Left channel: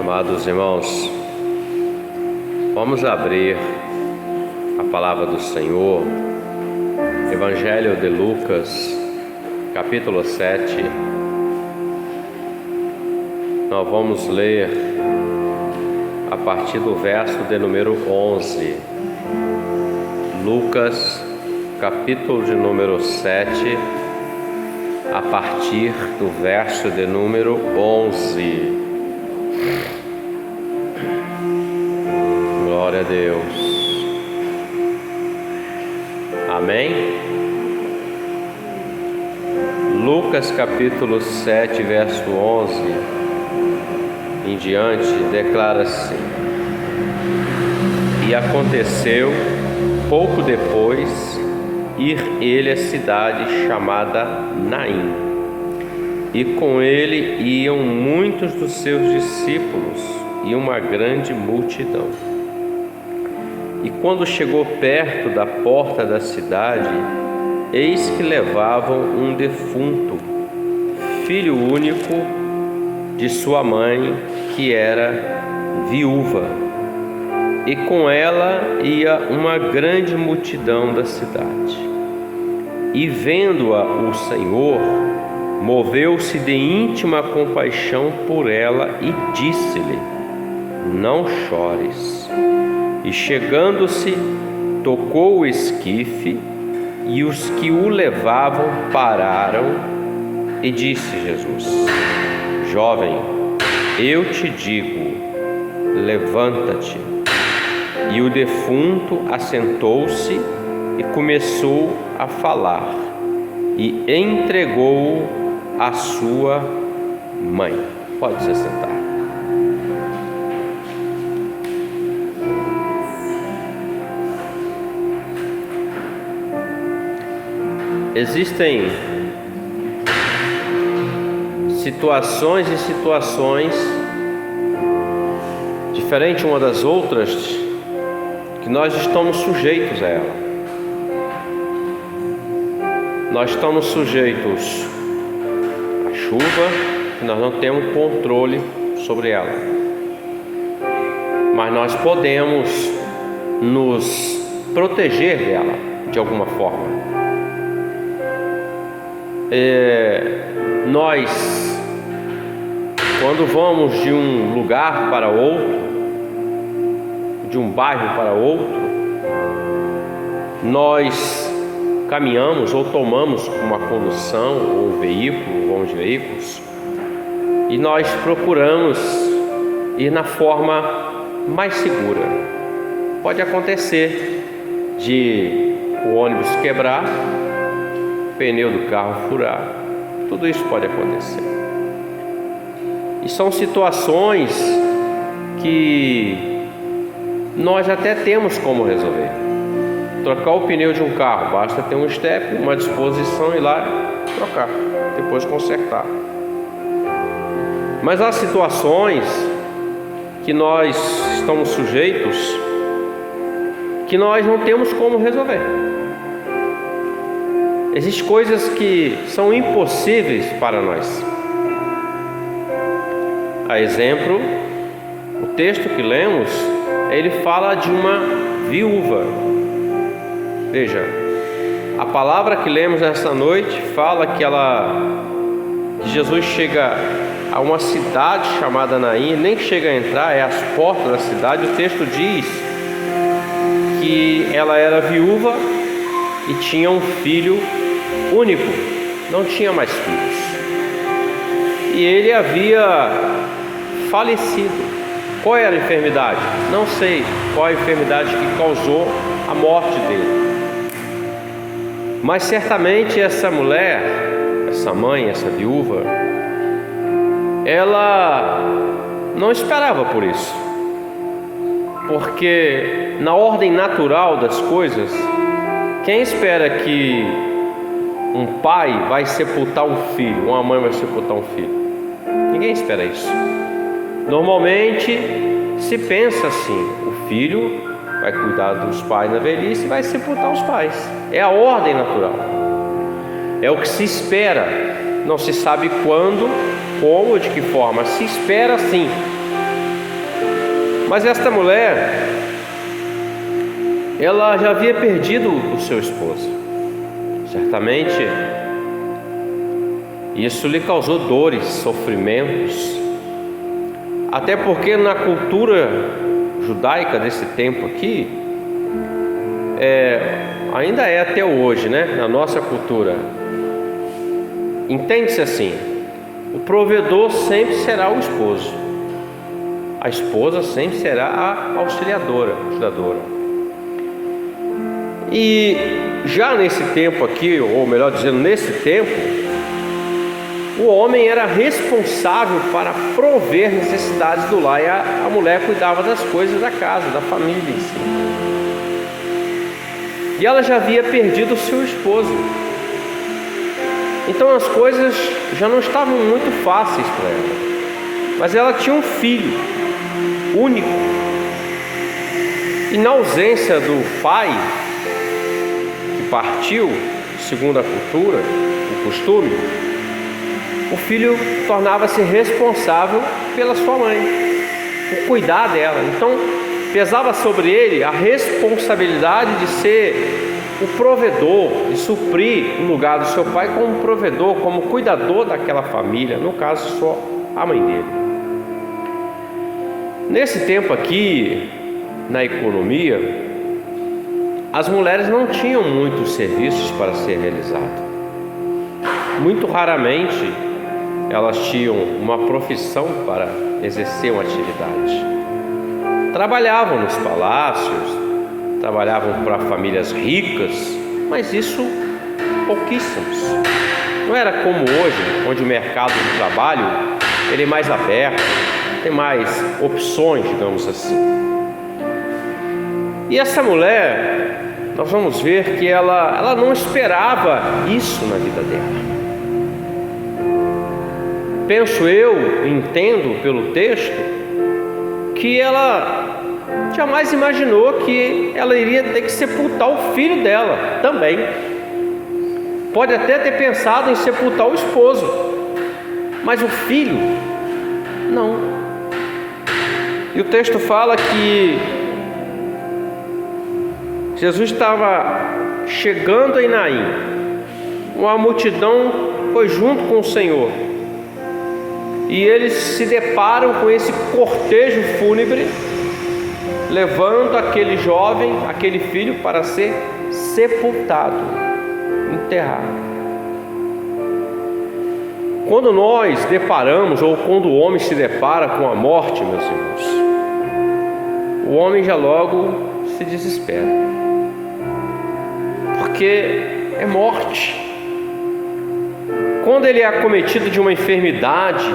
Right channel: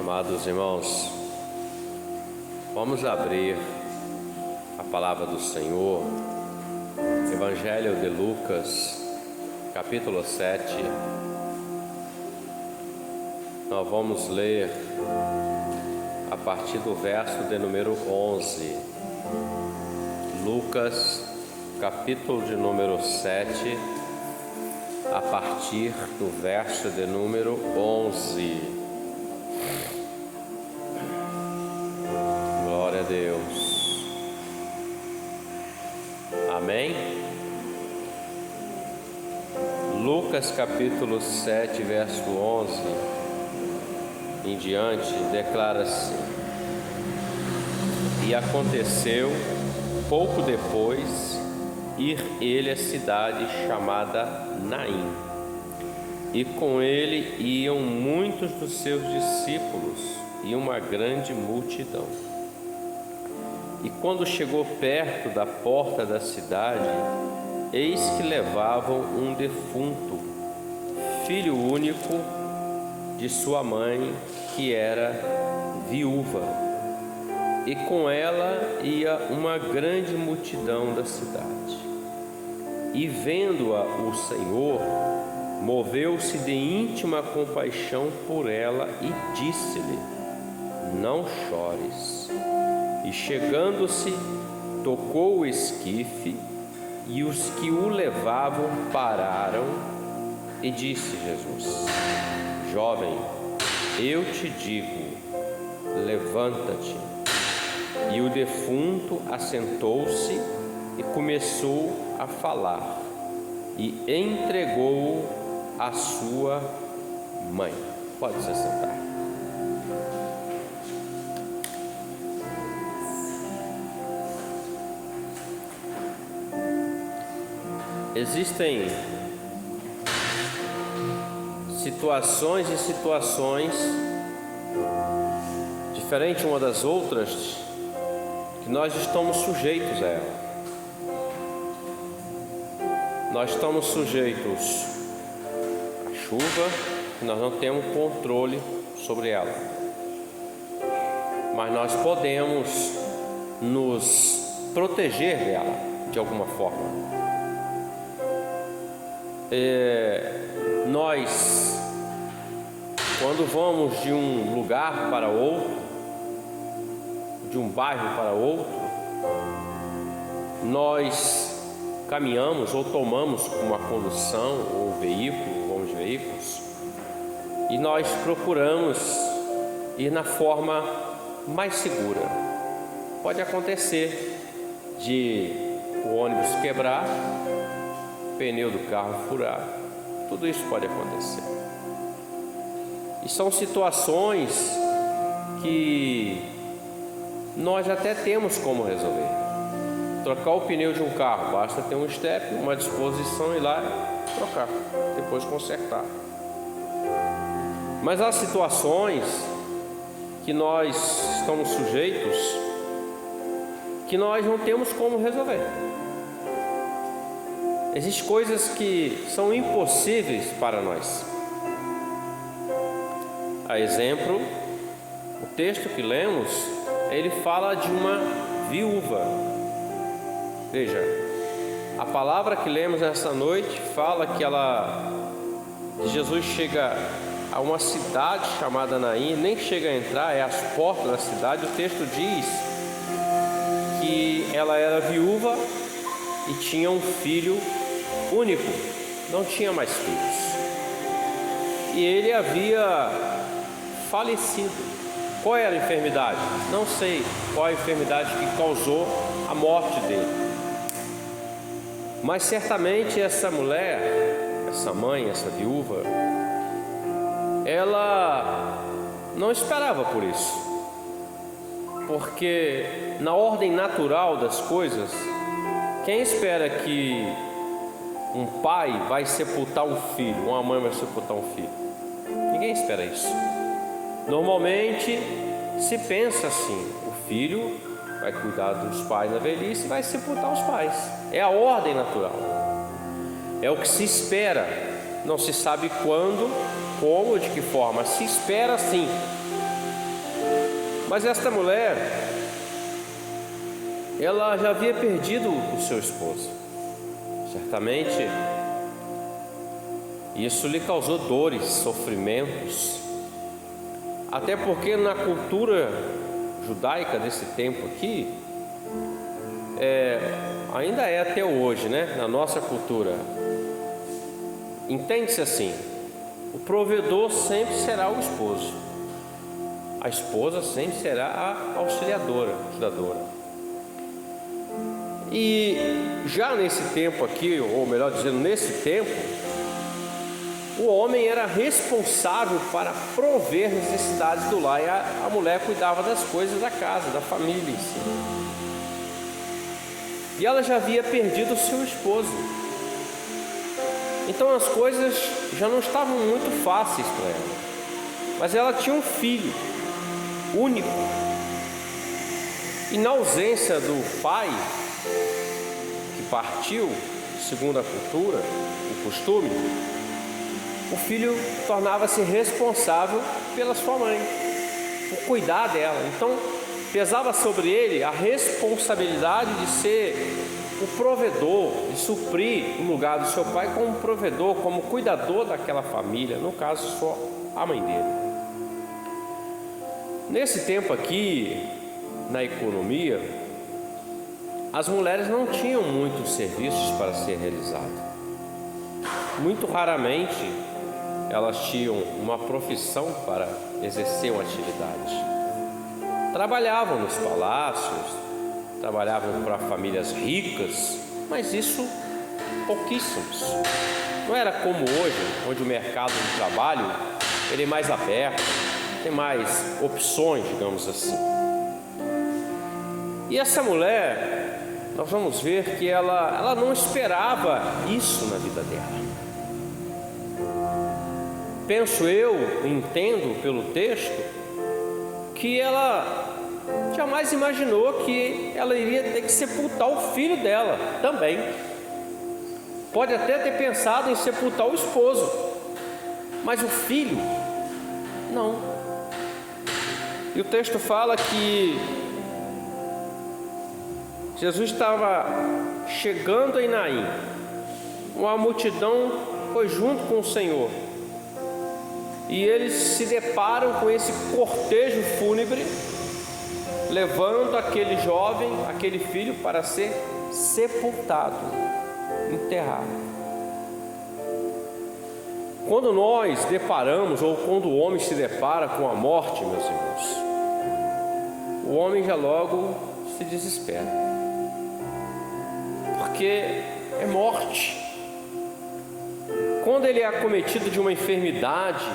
Amados irmãos, vamos abrir a palavra do Senhor, Evangelho de Lucas, capítulo 7. Nós vamos ler a partir do verso de número 11. Lucas, capítulo de número 7, a partir do verso de número 11. Glória a Deus. Amém? Lucas capítulo 7, verso 11 em diante, declara assim: E aconteceu, pouco depois, ir ele à cidade chamada Naim, e com ele iam muitos dos seus discípulos e uma grande multidão. E quando chegou perto da porta da cidade, eis que levavam um defunto, filho único de sua mãe, que era viúva, e com ela ia uma grande multidão da cidade. E vendo-a o Senhor, moveu-se de íntima compaixão por ela e disse-lhe: Não chores. E chegando-se, tocou o esquife, e os que o levavam pararam, e disse Jesus: Jovem, eu te digo, levanta-te. E o defunto assentou-se e começou a falar, e entregou-o à sua mãe. Pode se sentar. Existem situações e situações diferentes uma das outras que nós estamos sujeitos a ela. Nós estamos sujeitos à chuva, que nós não temos controle sobre ela, mas nós podemos nos proteger dela de alguma forma. Nós, quando vamos de um lugar para outro, de um bairro para outro, nós caminhamos ou tomamos uma condução ou um veículo ou uns veículos, e nós procuramos ir na forma mais segura. Pode acontecer de o ônibus quebrar, pneu do carro furar, tudo isso pode acontecer. E são situações que nós até temos como resolver. Trocar o pneu de um carro, basta ter um step, uma disposição, ir lá trocar, depois consertar. Mas há situações que nós estamos sujeitos que nós não temos como resolver. Existem coisas que são impossíveis para nós. A exemplo, o texto que lemos, ele fala de uma viúva. Veja, a palavra que lemos essa noite fala que Jesus chega a uma cidade chamada Naim, nem chega a entrar, é às portas da cidade. O texto diz que ela era viúva e tinha um filho único, não tinha mais filhos, e ele havia falecido. Qual era a enfermidade? Não sei qual a enfermidade que causou a morte dele, mas certamente essa mulher, essa mãe, essa viúva, ela não esperava por isso, porque na ordem natural das coisas, quem espera que um pai vai sepultar um filho, uma mãe vai sepultar um filho? Ninguém espera isso. Normalmente se pensa assim: o filho vai cuidar dos pais na velhice e vai sepultar os pais. É a ordem natural, é o que se espera. Não se sabe quando, como, de que forma. Se espera sim Mas esta mulher, ela já havia perdido o seu esposo. Certamente isso lhe causou dores, sofrimentos, até porque na cultura judaica desse tempo aqui, ainda é até hoje, né? Na nossa cultura, entende-se assim: o provedor sempre será o esposo, a esposa sempre será a auxiliadora, ajudadora. E já nesse tempo aqui, ou melhor dizendo, nesse tempo, o homem era responsável para prover necessidades do lar, e a mulher cuidava das coisas da casa, da família em si. E ela já havia perdido o seu esposo. Então as coisas já não estavam muito fáceis para ela. Mas ela tinha um filho único. E na ausência do pai, que partiu, segundo a cultura, o costume, o filho tornava-se responsável pela sua mãe, por cuidar dela. Então pesava sobre ele a responsabilidade de ser o provedor, de suprir o lugar do seu pai como provedor, como cuidador daquela família, no caso só a mãe dele. Nesse tempo aqui, na economia, as mulheres não tinham muitos serviços para ser realizados. Muito raramente elas tinham uma profissão para exercer uma atividade. Trabalhavam nos palácios, trabalhavam para famílias ricas, mas isso pouquíssimos. Não era como hoje, onde o mercado de trabalho ele é mais aberto, tem mais opções, digamos assim. E essa mulher, nós vamos ver que ela não esperava isso na vida dela. Penso eu, entendo pelo texto, que ela jamais imaginou que ela iria ter que sepultar o filho dela também. Pode até ter pensado em sepultar o esposo, mas o filho, não. E o texto fala que Jesus estava chegando em Naim. Uma multidão foi junto com o Senhor. E eles se deparam com esse cortejo fúnebre, levando aquele jovem, aquele filho, para ser sepultado, enterrado. Quando nós deparamos, ou quando o homem se depara com a morte, meus irmãos, o homem já logo se desespera, porque é morte. Quando ele é acometido de uma enfermidade,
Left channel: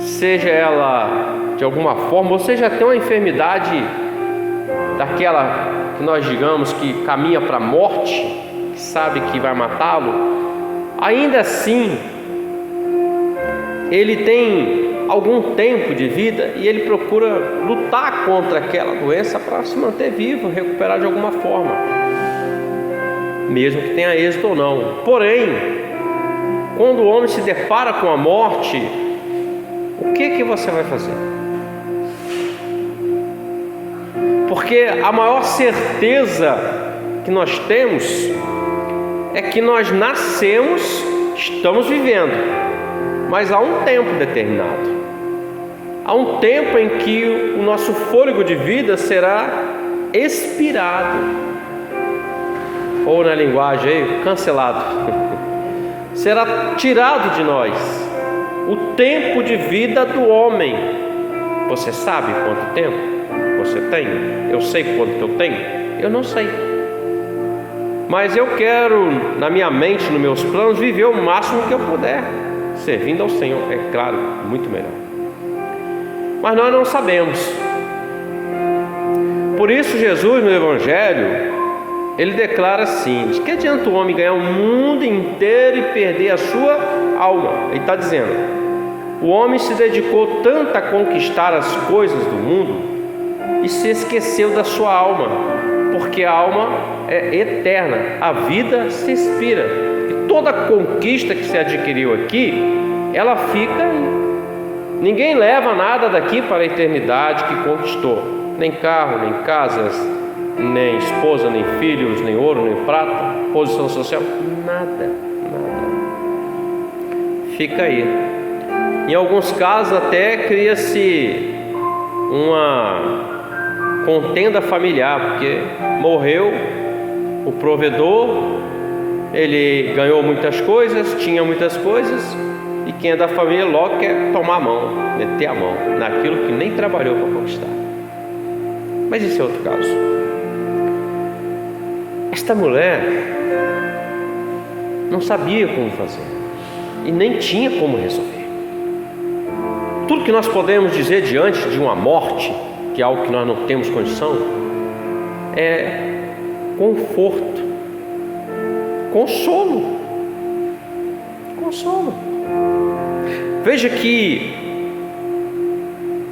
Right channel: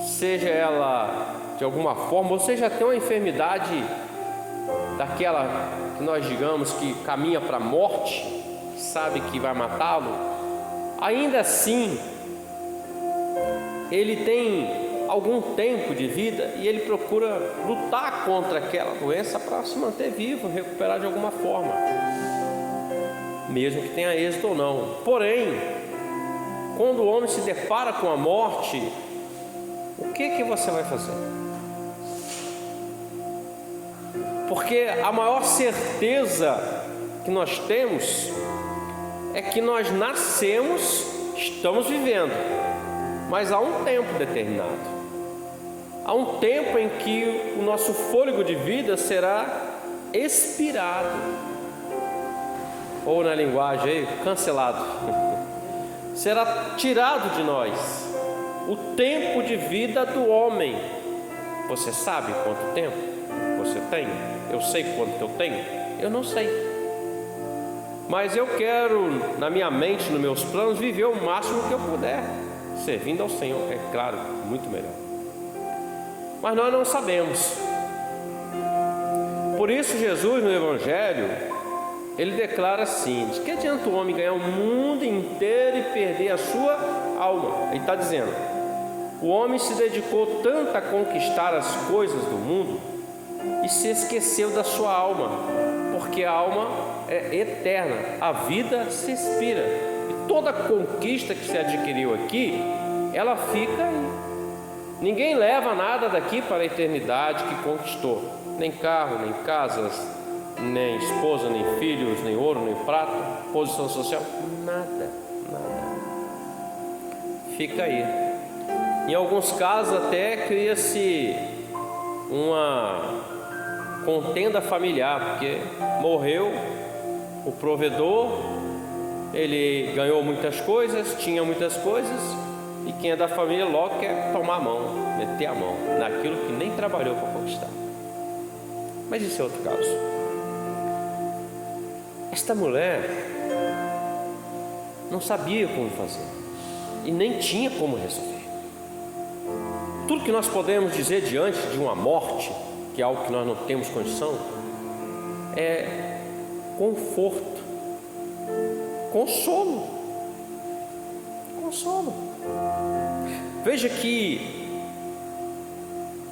seja ela de alguma forma, ou seja até uma enfermidade daquela que nós digamos que caminha para a morte, que sabe que vai matá-lo, ainda assim ele tem algum tempo de vida e ele procura lutar contra aquela doença para se manter vivo, recuperar de alguma forma, mesmo que tenha êxito ou não. Porém, quando o homem se depara com a morte, o que você vai fazer? Porque a maior certeza que nós temos é que nós nascemos, estamos vivendo, mas há um tempo determinado. Há um tempo em que o nosso fôlego de vida será expirado, ou na linguagem aí, cancelado. Será tirado de nós o tempo de vida do homem. Você sabe quanto tempo você tem? Eu sei quanto eu tenho? Eu não sei. Mas eu quero, na minha mente, nos meus planos, viver o máximo que eu puder, servindo ao Senhor, é claro, muito melhor. Mas nós não sabemos. Por isso Jesus no Evangelho, ele declara assim: de que adianta o homem ganhar o mundo inteiro e perder a sua alma? Ele está dizendo: o homem se dedicou tanto a conquistar as coisas do mundo e se esqueceu da sua alma, porque a alma é eterna, a vida se expira, e toda conquista que se adquiriu aqui, ela fica Ninguém leva nada daqui para a eternidade que conquistou, nem carro, nem casas, nem esposa, nem filhos, nem ouro, nem prata, posição social, nada. Fica aí. Em alguns casos até cria-se uma contenda familiar, porque morreu o provedor, ele ganhou muitas coisas, tinha muitas coisas, e quem é da família logo quer tomar a mão, meter a mão naquilo que nem trabalhou para conquistar. Mas esse é outro caso. Esta mulher não sabia como fazer e nem tinha como resolver. Tudo que nós podemos dizer diante de uma morte, que é algo que nós não temos condição, é conforto, consolo. Veja que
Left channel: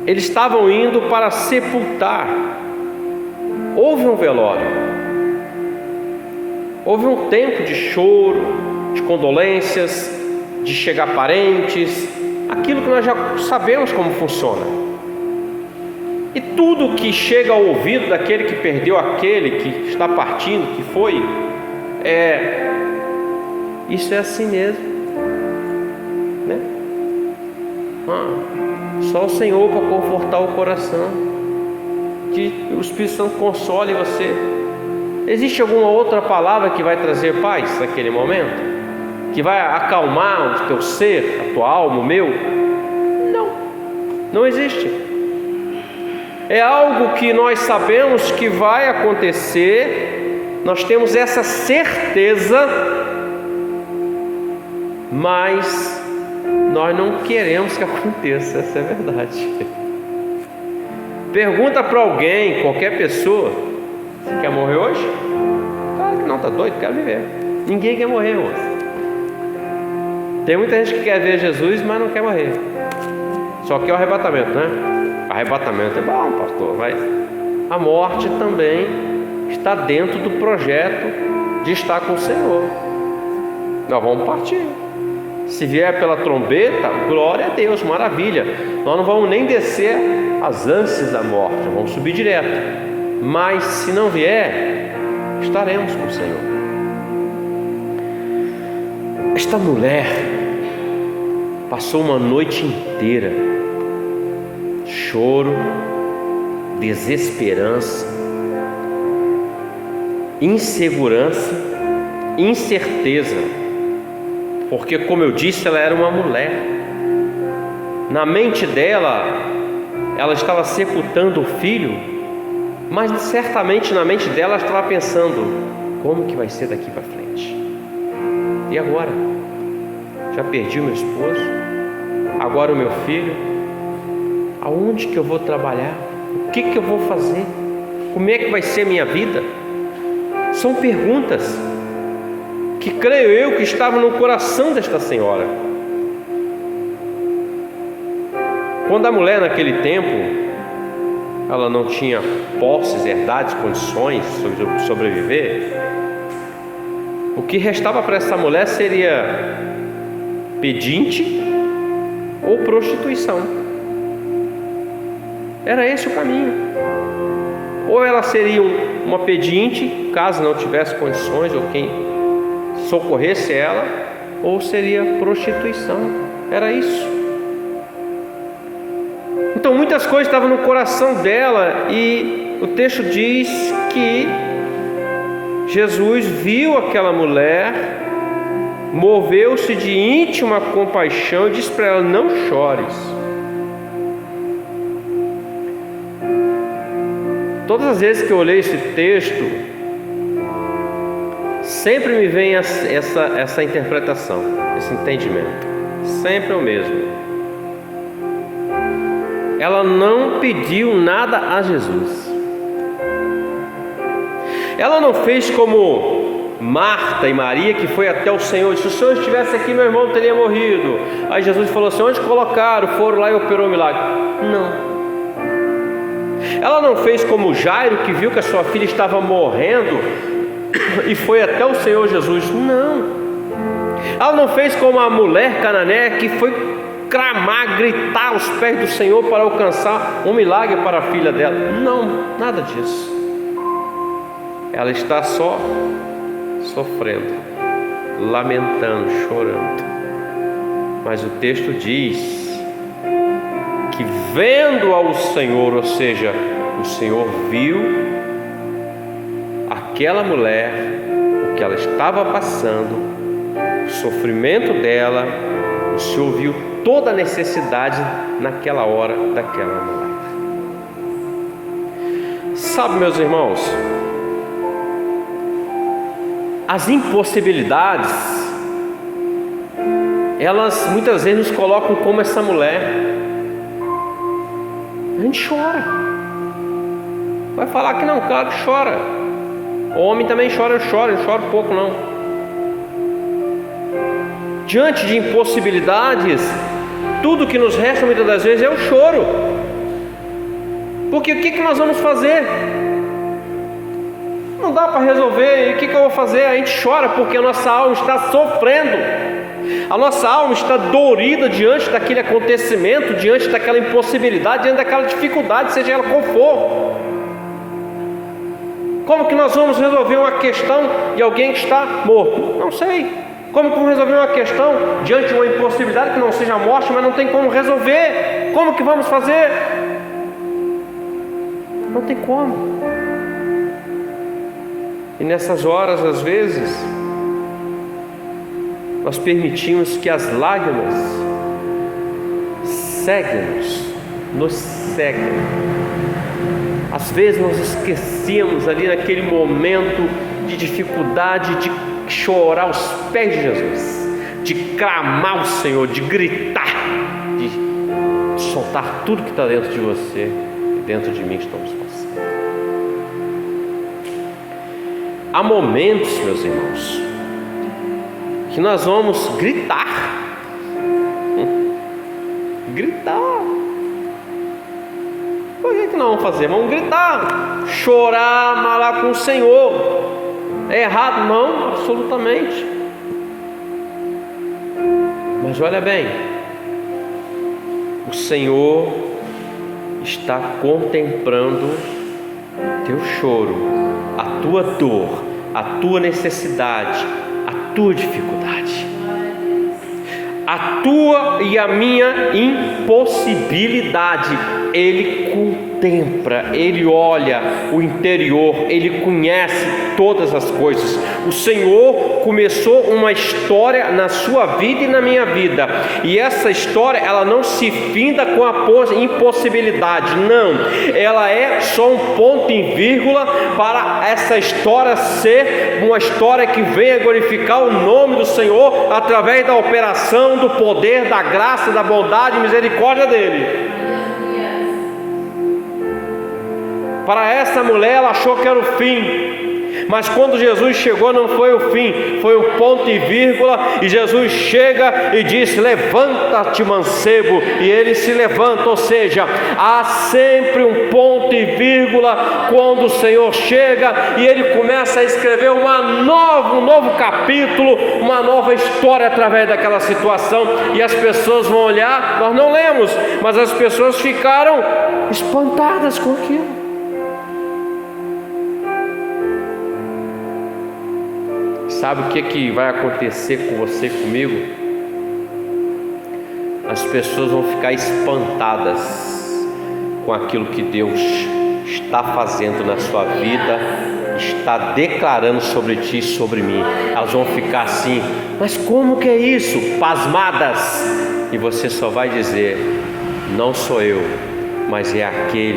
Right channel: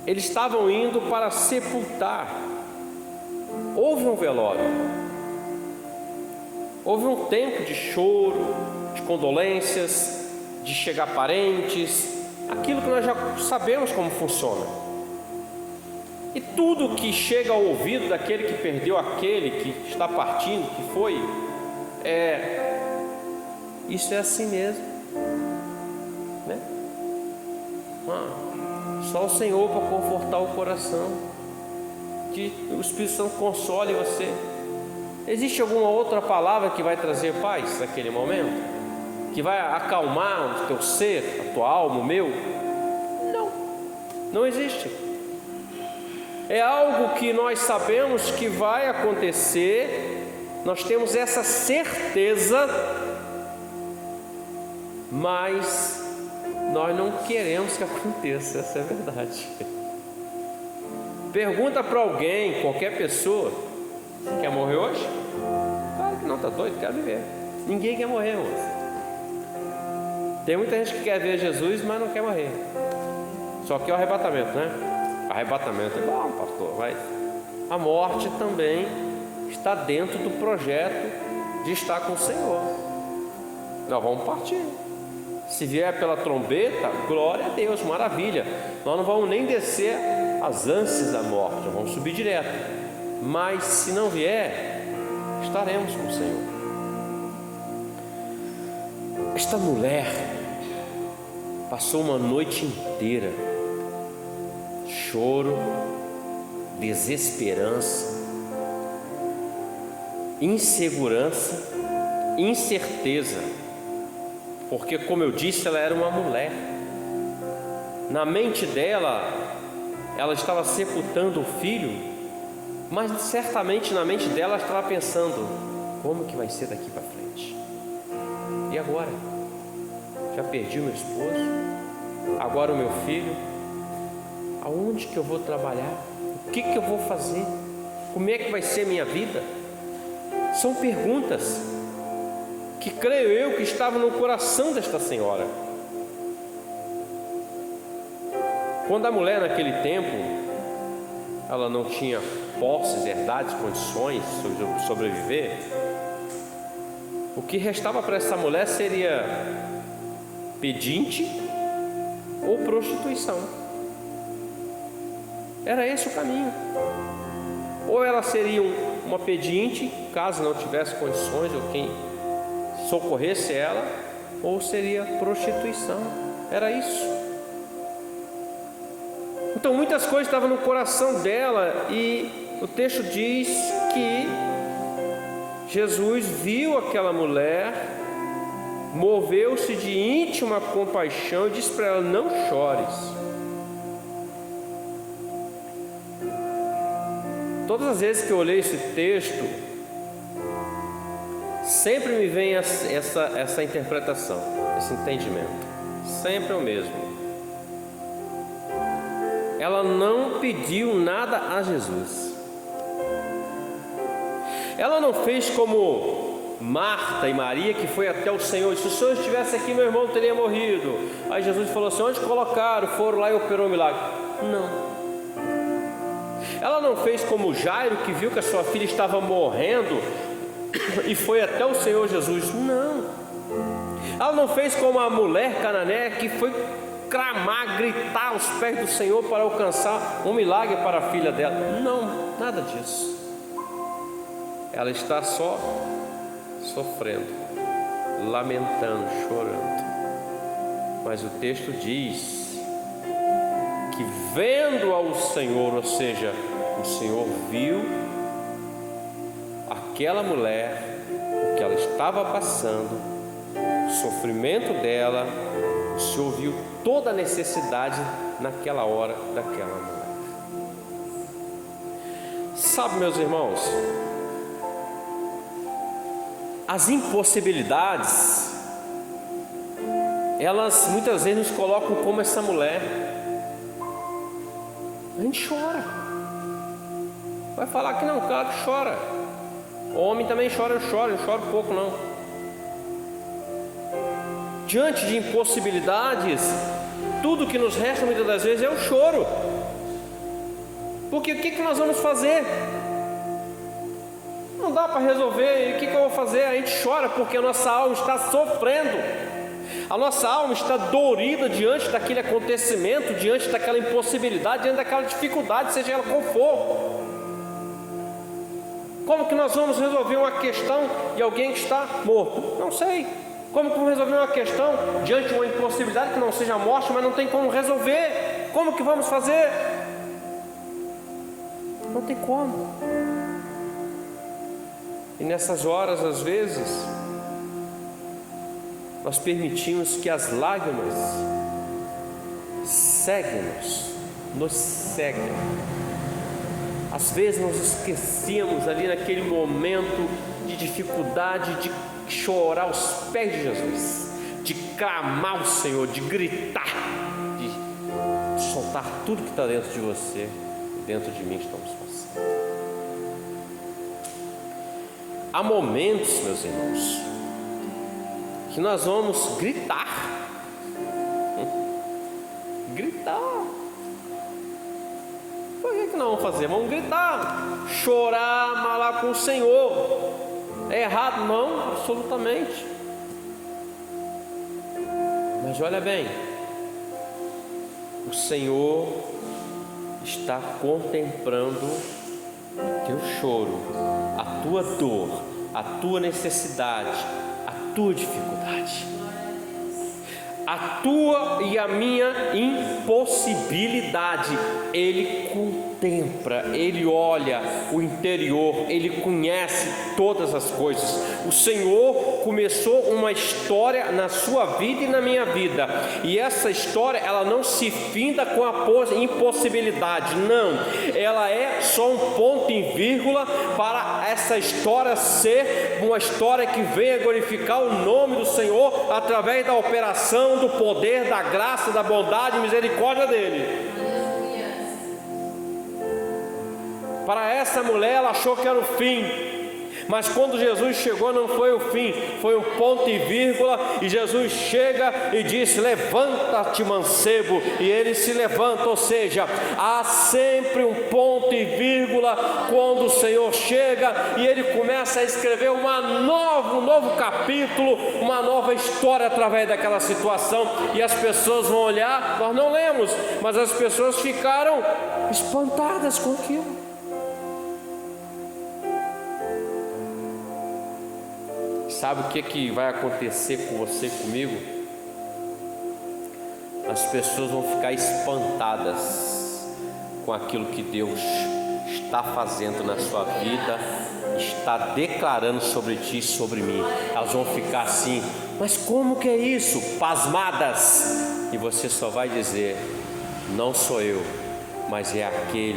eles estavam indo para sepultar. Houve um velório, houve um tempo de choro, de condolências, de chegar parentes, aquilo que nós já sabemos como funciona. E tudo que chega ao ouvido daquele que perdeu aquele que está partindo, que foi, isso é assim mesmo, né? Só o Senhor para confortar o coração, que o Espírito Santo console você. Existe alguma outra palavra que vai trazer paz naquele momento? Que vai acalmar o teu ser, a tua alma, o meu? Não existe. É algo que nós sabemos que vai acontecer, nós temos essa certeza, mas nós não queremos que aconteça, essa é a verdade. Pergunta para alguém, qualquer pessoa: você quer morrer hoje? Claro que não, tá doido, quero viver. Ninguém quer morrer, moço. Tem muita gente que quer ver Jesus, mas não quer morrer. Só que é o arrebatamento, né? Arrebatamento é bom, pastor, mas a morte também está dentro do projeto de estar com o Senhor. Nós vamos partir. Se vier pela trombeta, glória a Deus, maravilha. Nós não vamos nem descer as ânsias da morte, vamos subir direto. Mas se não vier, estaremos com o Senhor. Esta mulher passou uma noite inteira, choro, desesperança, insegurança, incerteza, porque, como eu disse, ela era uma mulher. Na mente dela, ela estava sepultando o filho, mas certamente na mente dela ela estava pensando: como que vai ser daqui para frente? E agora? Já perdi o meu esposo, agora o meu filho, aonde que eu vou trabalhar? O que que eu vou fazer? Como é que vai ser a minha vida? São perguntas que creio eu que estavam no coração desta senhora. Quando a mulher naquele tempo, ela não tinha posses, herdades, condições de sobreviver, o que restava para essa mulher seria pedinte ou prostituição. Era esse o caminho. Ou ela seria uma pedinte, caso não tivesse condições, ou quem socorresse ela, ou seria prostituição. Era isso. Então muitas coisas estavam no coração dela, e o texto diz que Jesus viu aquela mulher, moveu-se de íntima compaixão e disse para ela: não chores. Todas as vezes que eu leio esse texto, sempre me vem essa interpretação, esse entendimento. Sempre o mesmo. Ela não pediu nada a Jesus. Ela não fez como Marta e Maria, que foi até o Senhor e disse: se o Senhor estivesse aqui, meu irmão teria morrido. Aí Jesus falou assim: onde colocaram? Foram lá e operou o milagre. Não. Ela não fez como Jairo, que viu que a sua filha estava morrendo e foi até o Senhor Jesus. Não. Ela não fez como a mulher cananeia, que foi clamar, gritar aos pés do Senhor para alcançar um milagre para a filha dela. Não, nada disso. Ela está só sofrendo, lamentando, chorando. Mas o texto diz que vendo ao Senhor, ou seja, o Senhor viu aquela mulher, o que ela estava passando, o sofrimento dela, o Senhor viu toda a necessidade naquela hora daquela mulher. Sabe, meus irmãos, as impossibilidades, elas muitas vezes nos colocam como essa mulher. A gente chora. Vai falar que não, claro que chora. O homem também chora, eu choro pouco não. Diante de impossibilidades, tudo que nos resta muitas das vezes é o choro. Porque o que nós vamos fazer? Não dá para resolver, e o que eu vou fazer? A gente chora porque a nossa alma está sofrendo. A nossa alma está dorida diante daquele acontecimento, diante daquela impossibilidade, diante daquela dificuldade, seja ela qual for. Como que nós vamos resolver uma questão de alguém que está morto? Não sei. Como que vamos resolver uma questão diante de uma impossibilidade que não seja morte, mas não tem como resolver? Como que vamos fazer? Não tem como. E nessas horas, às vezes, nós permitimos que as lágrimas nos ceguem. Às vezes nós esquecemos ali naquele momento de dificuldade de chorar aos pés de Jesus, de clamar ao Senhor, de gritar, de soltar tudo que está dentro de você e dentro de mim que estamos passando. Há momentos, meus irmãos, que nós vamos gritar. Por que nós vamos fazer? Vamos gritar, chorar, malar com o Senhor. É errado? Não, absolutamente. Mas olha bem, o Senhor está contemplando o teu choro, a tua dor, a tua necessidade, a tua dificuldade, a tua e a minha impossibilidade. Ele contempla, Ele olha o interior, Ele conhece todas as coisas. O Senhor começou uma história na sua vida e na minha vida, e essa história ela não se finda com a impossibilidade, não, ela é só um ponto em vírgula para essa história ser uma história que venha glorificar o nome do Senhor através da operação do poder, da graça, da bondade e misericórdia dele. Para essa mulher, ela achou que era o fim, mas quando Jesus chegou não foi o fim, foi um ponto e vírgula. E Jesus chega e diz: levanta-te, mancebo, e ele se levanta. Ou seja, há sempre um ponto e vírgula quando o Senhor chega e ele começa a escrever um novo capítulo, uma nova história através daquela situação. E as pessoas vão olhar, nós não lemos, mas as pessoas ficaram espantadas com aquilo. Sabe o que vai acontecer com você e comigo? As pessoas vão ficar espantadas com aquilo que Deus está fazendo na sua vida, está declarando sobre ti e sobre mim. Elas vão ficar assim: mas como que é isso? Pasmadas. E você só vai dizer: não sou eu, mas é aquele